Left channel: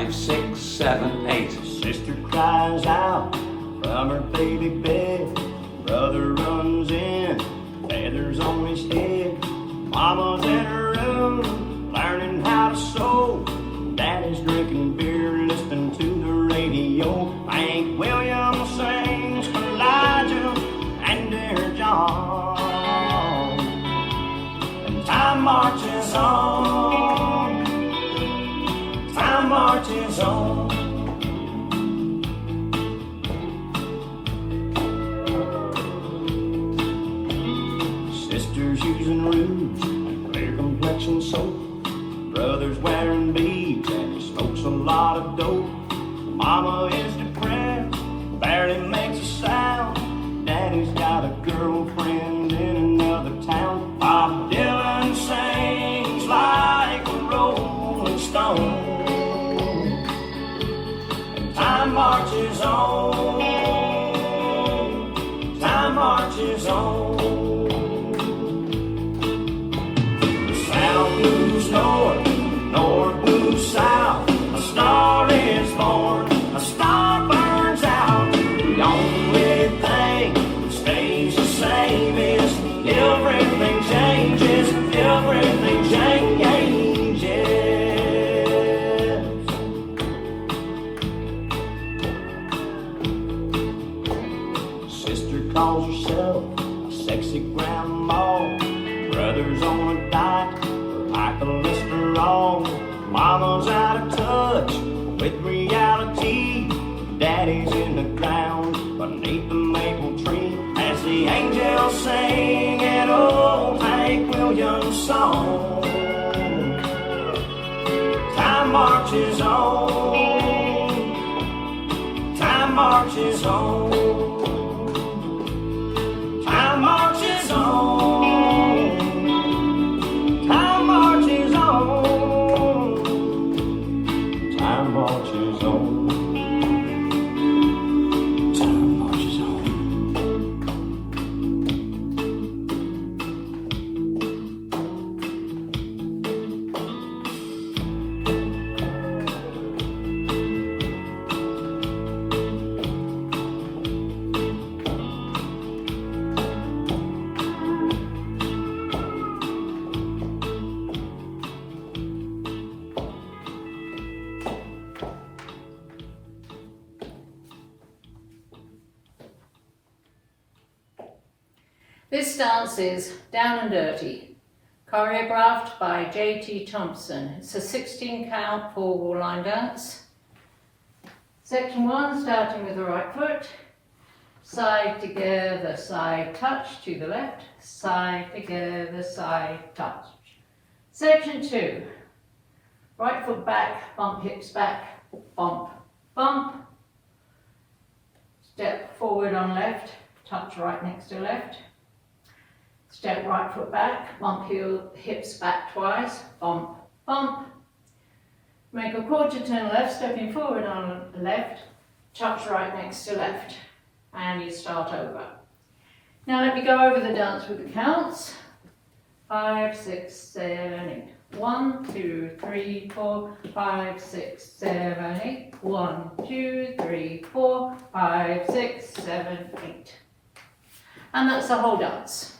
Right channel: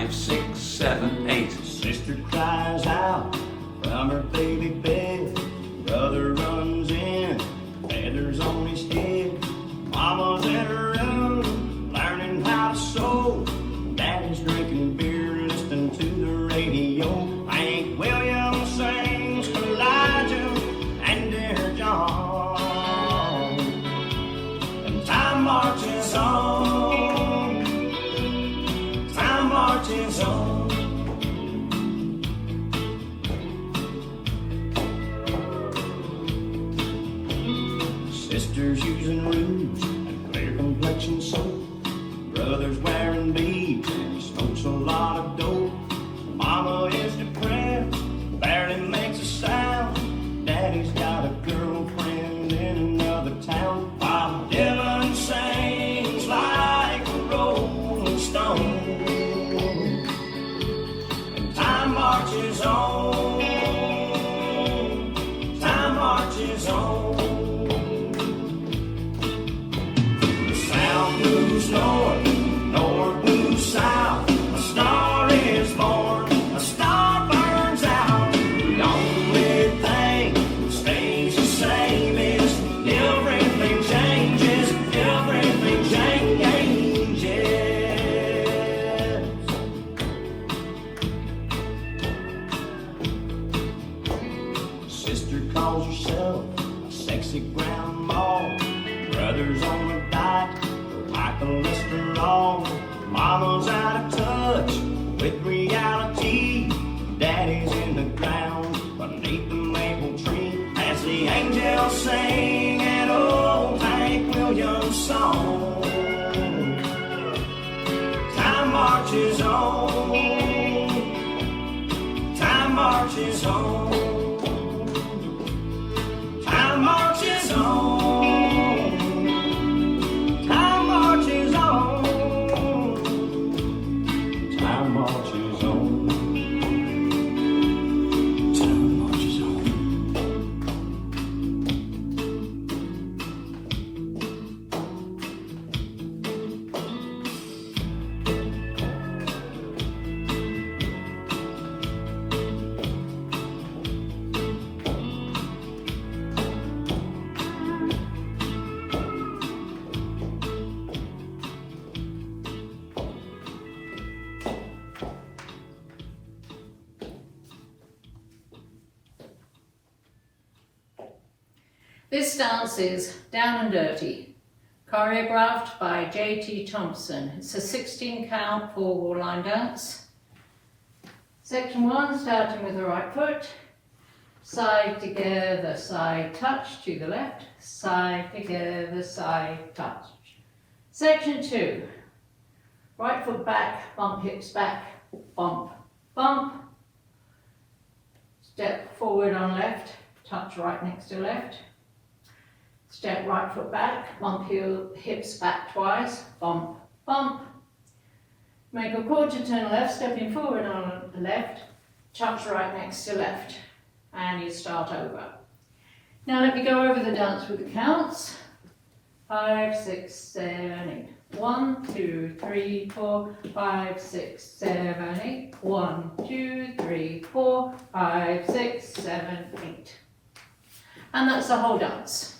5, 6, 7, 8. Sister cries out from her baby bed. Brother runs in, feathers on his head. Mama's in her room, learning how to sew. Daddy's drinking beer, listening to the radio. Hank Williams sings for Elijah and Dear John. And time marches on, time marches on. Sisters using rouge and clear complexion soap. Brother's wearing beads and he smokes a lot of dope. Mama is depressed, barely makes a sound. Daddy's got a girlfriend in another town. Bob Dylan sings like a rolling stone. And time marches on, time marches on. North, north moves south, a star is born, a star burns out. The only thing that stays the same is everything changes, everything changes. Sister calls herself a sexy grandma. Brother's on a diet, high cholesterol. Mama's out of touch with reality. Daddy's in the ground beneath the maple tree as the angels sing an old Hank Williams song. Time marches on, time marches on, time marches on. Time marches on, time marches on. This dance is Down and Dirty, choreographed by J.T. Thompson. It's a 16 count 4-wall line dance. Section 1, starting with the right foot, side together, side touch to the left, side together, side touch. Section 2, right foot back, bump hips back, bump, bump. Step forward on left, touch right next to left. Step right foot back, bump hips back twice, bump, bump. Make a quarter turn left, stepping forward on left, touch right next to left, and you start over. Now let me go over the dance with the counts. 5, 6, 7, 8. 1, 2, 3, 4, 5, 6, 7, 8. 1, 2, 3, 4, 5, 6, 7, 8. And that's the whole dance.